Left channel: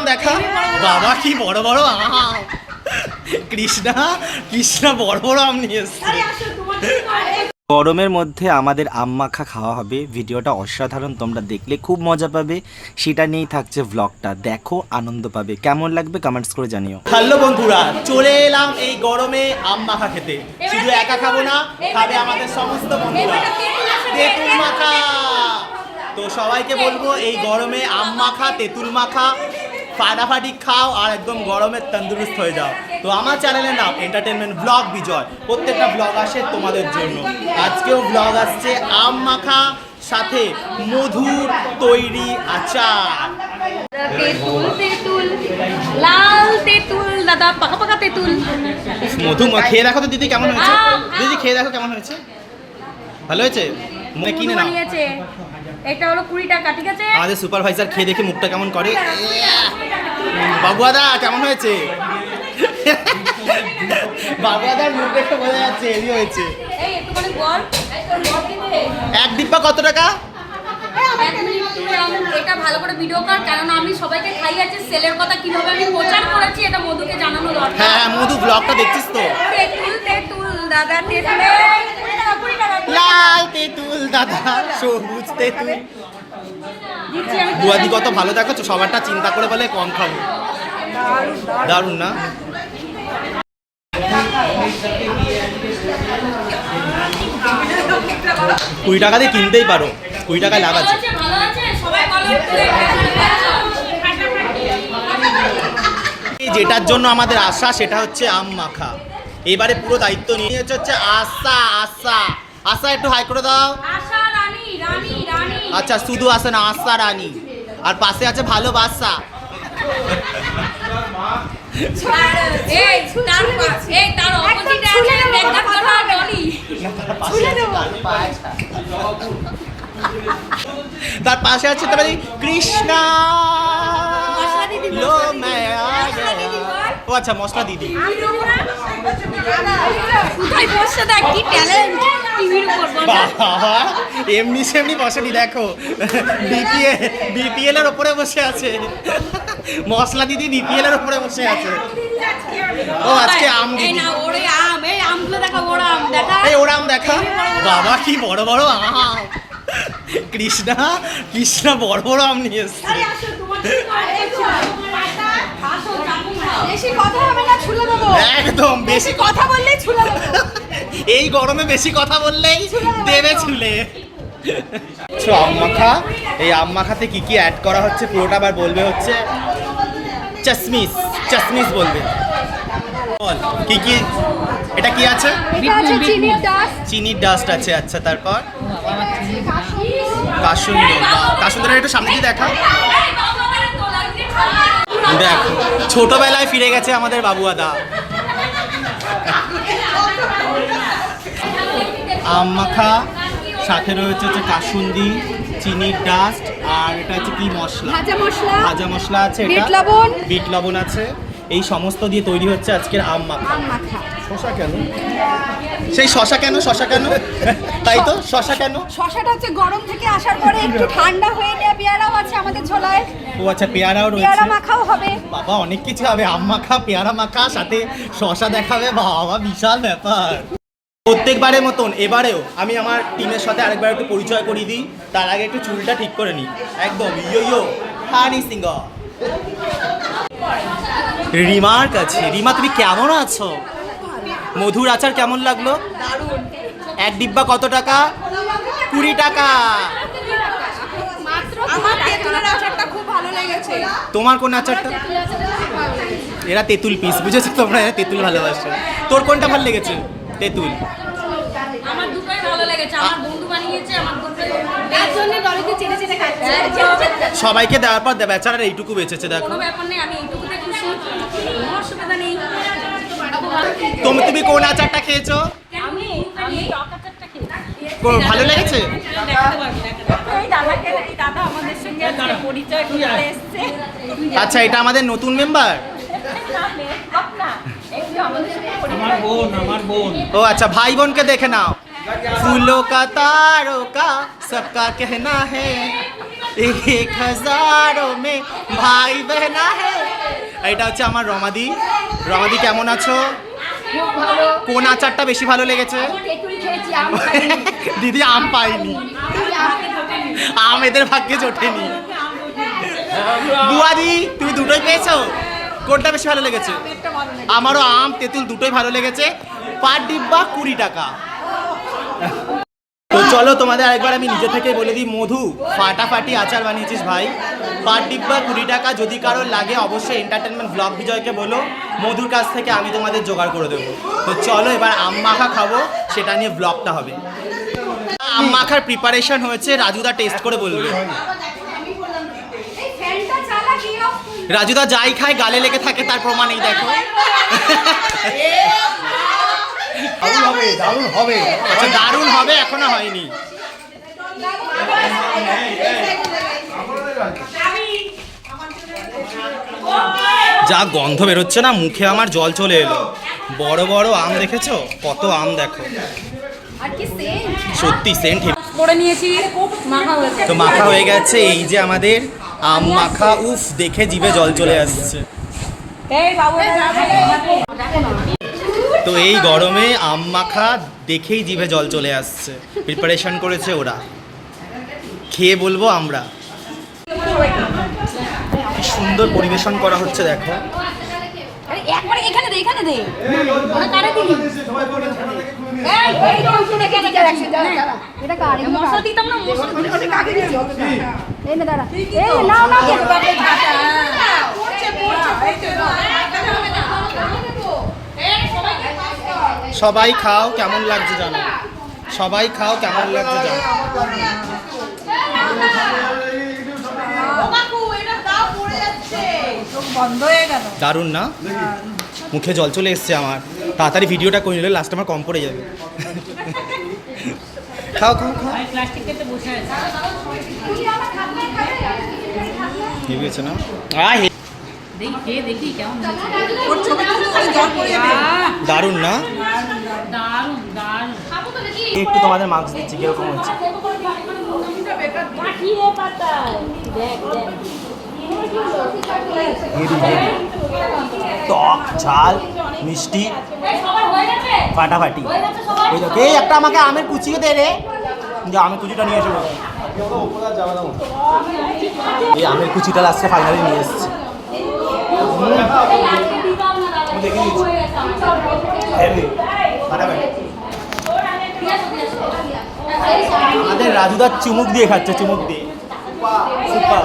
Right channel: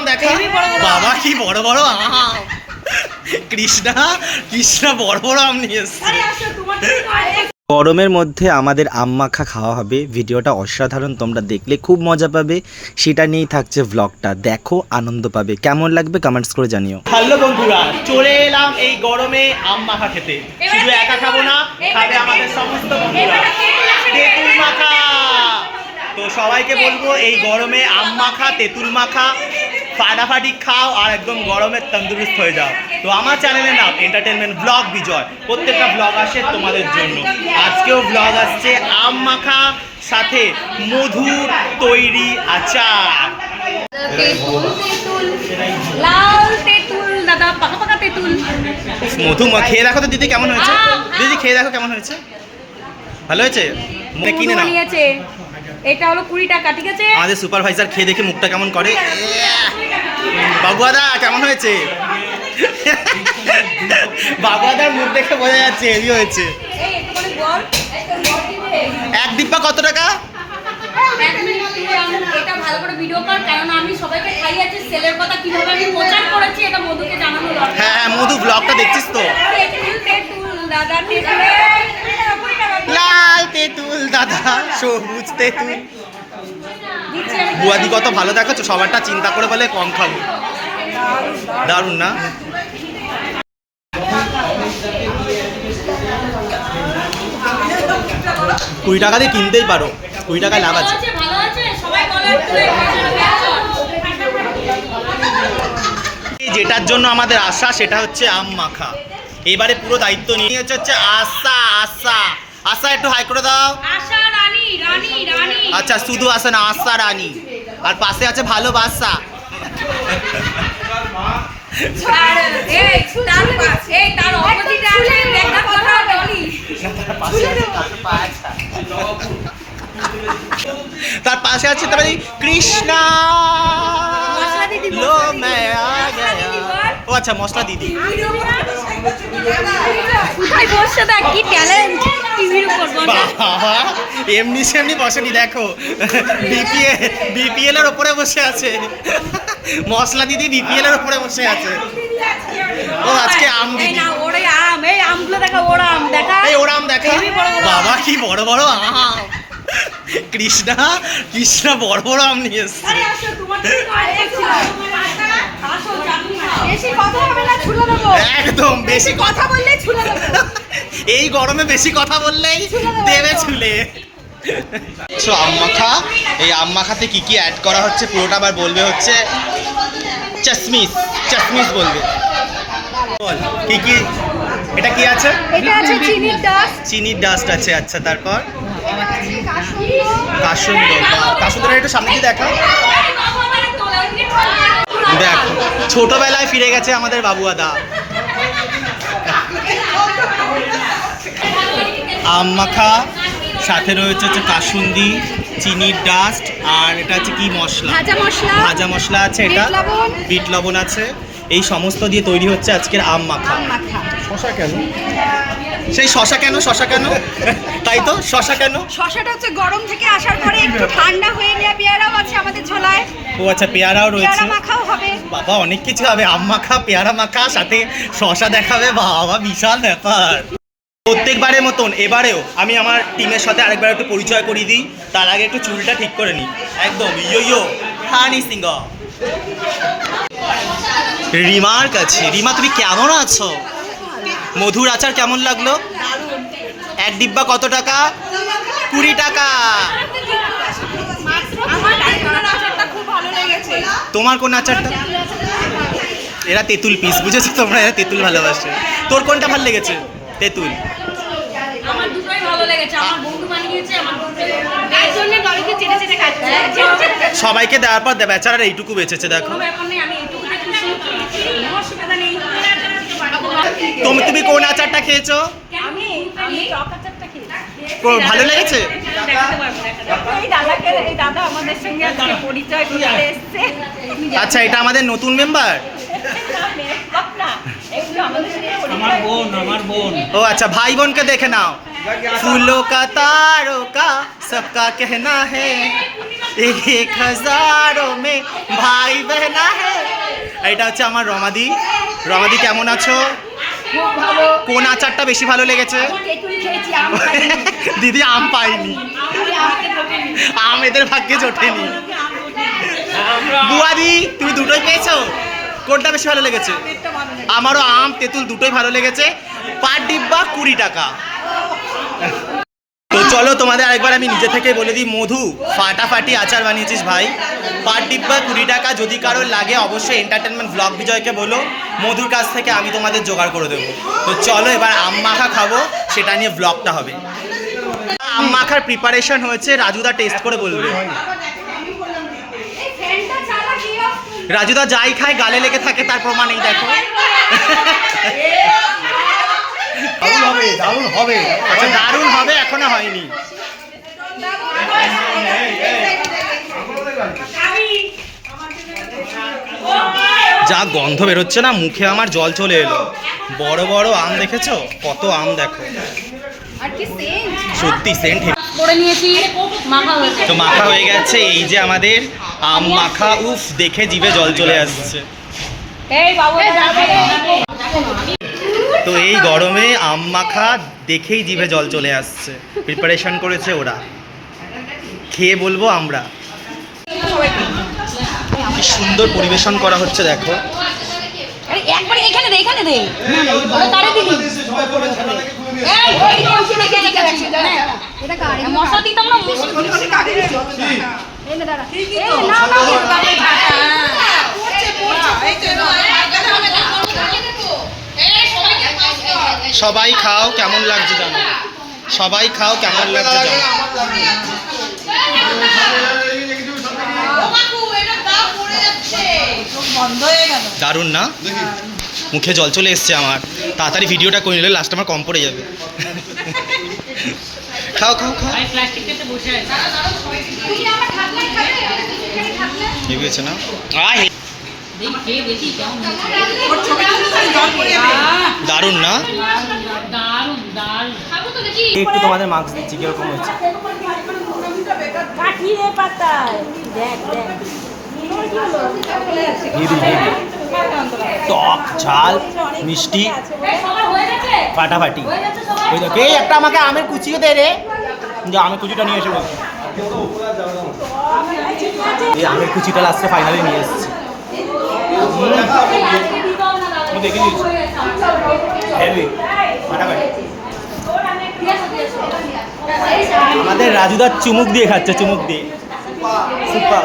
আম দেখা। বাবা কি বড় বড় আম। কৃষ্ণা কৃষ্ণা বড় বড় আম নিয়ে এসছে। গরমের মধ্যে আমাদের আম মাখা খাওয়া হবে। ভিডিওটা অসাধারণ তোমরা দেখলে খুব মজা পাবে। সেটা নিয়েই থাকছে ব্লগটা দেখো আনন্দ পাবে। কেমন লাগবে কমেন্টস করে জানিও। হ্যালো বন্ধুরা চলে এলাম এই গরমে আম মাখা খেতে। শুধু একা খাব না খাবে আমাদের সমস্ত বন্ধুরা। তেঁতুল মাখা। তো সবাইকে বলব এই গরমে আম মাখা তেঁতুল মাখা ফাটাফাটি খাও আর একদম গরমে তন্দুরুস্ত হয়ে যাও। তো আমার চ্যানেলের নাম এন্টারটেনমেন্ট ব্লগ বিজয় প্রত্যেকটা ব্লগ আসে তোমাদের জন্য। আজকেও ব্লগ আসছে আম মাখা সাথে মধুর তৈরি আচার। মধু মা- খেয়ে দেখো তো দিদি কেমন হয়েছে? দিদি খেয়ে দেখো কেমন হয়েছে? ভালো হয়েছে? মানে কিনে নাও। এটা হলো কুড়ি টাকা ঠিক আছে? আমাদের সুপারভাইজার খেয়ে দেখে মুখটা কেমন করে? বাবুয়াদা কেমন হয়েছে? বাবুয়াদার মুখ দেখে বোঝা যাচ্ছে হেভি হয়েছে। এক ডিব্বা কত টাকা? এক মিনিট তুই আম- এটা ভালো করে ভিডিও কর কারণ আমি সবাইকে খাই সেলের কথা কীভাবে আমি প্রচার করেছি এটা মধুকে জানানো দরকার। হ্যাঁ হ্যাঁ মধু ব্লগটা দেখছিস তো? তেঁতুল তেঁতুল দাদা তেঁতুল। লাল তেঁতুল দাদা সবুজ তেঁতুল। বুয়াদি কত ভালো দেখাচ্ছ সবারটা চিন্তা করে বলে কম খাব। দারুণ না? কুড়ি টাকা দিয়ে কিনতেই পারো। কুড়ি টাকা লাভ আছে। যেটার জন্য আমাদের আশা সেটা হচ্ছে আম মাখা। এবারে পুরো দায়িত্ব নিয়ে হচ্ছে আশা আশা। আশা একটু হাই করে দাও। আচ্ছা শুধু আসে না আশা রানী। আর পাশে আছে ভালোবাসা। তার অপোজিট আছে তার পাশে আছে তারপরে কৃষ্ণা লো। ও আচ্ছা মশলা দিদি। এমনি সেমনি বসেনি, দেখো। বিপিএল বিপিএল এর ওপরে বসে আছে। মশলা দিদি বিপিএল এর ওপরে বসে আছে। ও আজকে আম দিদি না ওরে আম এই ওর আম দেখা। এই ওরা আম দেখা? বাবা কি বড় বড় আম। কৃষ্ণা কৃষ্ণা বড় বড় আম নিয়ে এসছে। বেশি কথা হবে না ছুলে দেবো। একদম বেশি কথা বললেই ছুলে দেবো। এই গরমে বেশি কথা বললেই দেবে ছুলে। আম মাখা এই আম মাখাতে কি কি অ্যাড করা হচ্ছে? পুরোটা আবার বলবে হচ্ছে চাশমিস চাশমিস বলবে। বল কি কি? এটা কি আছে? চিনির ডাস্ট আছে আচ্ছা তারপর? কাসুন্দ। বা কাসুন্দর একটু সামনে দিয়ে দেখা দেখো ছোটবেলায় ফিরে গেছে আমাদের বাবুয়াদা আম মাখা সাথে রয়েছে হচ্ছে কাসুন্দি চিনির ডাস্ট আর এটা হচ্ছে কি মশলা? ভাজা মশলা ভাজা মশলা আছে এটা। বিট লবণ। আছে। এই সমস্ত দিয়ে তৈরি হচ্ছে আজকের আম মাখা। আম মাখা। শশা কেন? সেই শশা কেন? শশা কেন? তাই তো? শশা কেন? শশাটা হচ্ছে গরম থেকে আসার পরে একটু ঠান্ডা হয়ে নেওয়া পেয়ারাও আছে আমাদের ঝোলায়। ও আচ্ছা পেয়ারাও রয়েছে। মাখাও হবে। বাবা অনেক কিছু হবে। আম মাখা পেয়ারা মাখা সাথে শশা দেখাবে। বাবা বিশাল ব্যাপার। প্রত্যেকবারের মতন এবারেও আমি আমার টিমের সাথে আরেকবার একটু পরিচয় করিয়ে দিই। তার আগে একটু চুলটা ঠিক করে নিই। একদম ইয়ো ইয়ো হানি সিংহ। রিমার কাছে। রিমা তুমি কেমন আছো? মধুর আচার কেমন লাগল? এক ডিব্বা কত টাকা? কুড়ি টাকা। তোমার কোন আচারটা? এরা তেঁতুল পিস বুঝেছ তোমরা? এরা তেঁতুল ভালোবাসে। তোর কোনটা ভালো লেগেছে? তেঁতুল। আমার দুটোই ভালো লেগেছে আমার বন্ধু বানিয়েছে আমার দুটোই তার জন্য দড়িতে চেটে চেটে খাচ্ছে। হ্যাঁ, খাচ্ছে। সবাইকে দেওয়ার পর দে- বেচারার এইটুকু বেঁচেছে দেখো। ব্যাপার নেই আমি এইটুকুতে খুশি কোনো অসুবিধা নেই। তুমি তুমি কোন আচারটা খেয়েছো? আমি আমি টক আচারটা খেয়েছি। ভালো লেগেছে? আচ্ছা এটা আমাদের নতুন মেম্বার? ও আচ্ছা ভাই বোনকে দেখে নাও। ফুলো কা তারো কা, সবকা কেহনা হে। এক হাজারো মে ভাই বেহনা হে। এটা হচ্ছে আমার রমাদি। রমাদি, কেমন আছো? কোন আচারটা বেশি ভালো লেগেছে? দিদি, আম পাইনি। আম এদের ভাগ্যে জোটেনি। বুয়াদি, তুমি দুটোই পেয়েছ? কোনটা বেশি ভালো লেগেছে? আমারও আম তেঁতুল দুটোই ভালো লেগেছে। পার ডিব্বা কুড়ি টাকা। তো চলো তোমাদের আরেকবার আমি নিজে থেকে বলে দিই মধু ফাটাফাটি আচার বানিয়েছিস ভাই। পার ডিব্বা কুড়ি টাকা যদি কারোর লাগে অবশ্যই এন্টারটেনমেন্ট ব্লগ বিজয়কে বলো। মধুর কাছ থেকে আমি তোমাদের জোগাড় করে দেবো। তো চলো এবার আম মাখা খাব সেটা নিয়ে ব্লগটা হবে। আম মাখার প্রিপারেশন হয়েছে রাজুদা টেস্ট করে বলবে এই ফ্যানটা চালা কি অফ রাজুদা যাই খায় গালে লেগে থাকে তার প্রমাণ এই দেখো। দারুণ হবে দারুণ হবে। আচ্ছা দারুণ হবে এখনও হয়নি। যা গন্ধ বেরোচ্ছে না মুখে আমার জল চলে এলো। বড় বড় আম দেখেছ? কত আম দেখো। আর সেন্ট সত্যি সেন্ট করে নিয়েছি তো মাখা হয়ে গেছে এই যে আমাদের আম মাখা উফ দেখে জিভে জল চলে আসছে তো এই গরমে আম মাখা দেখেই জিভে জল চলে আসছে প্রিপারেশন করেছে ওরা খেয়ে বলব আমরা কি সুন্দর পরিবেশন করা হচ্ছে দেখো এখানে দে এখানে দে তারে এটা কার? মশলা দিতাম না দাঁড়া এই সবাই খাও কেমন লাগছে জানো সবাই খাও কেমন লাগছে জানো বন্ধ দারুণ না মুখে জল চলে এসছে আমার তাড়াতাড়ি ভিডিওটা করে নিলে লাস্ট আমার কম পড়ে যাবে খাও খাও খাও হয়েছে না? দারুণ না দারুণ দারুণ খাব তো দেখি একটু তোমাদের মার্কস দিচ্ছি কীরকম হেভি হেভি টক ঝাল মিষ্টি ফাটাফাটি। ওই দেখো এই একটা আমাকে আমের কুচিও দে রে। যে আমের কুচিটা নিয়ে এসে বলছি এই আমের কুচিটা লাস্টে ফাইনালি নিয়ে এসেছি। দেখে দিয়েছি হেভি ফাটাফাটি। আমাদের রাজুদার চুমুক দিয়ে খাচ্ছে চুমুক দিয়ে। সুপার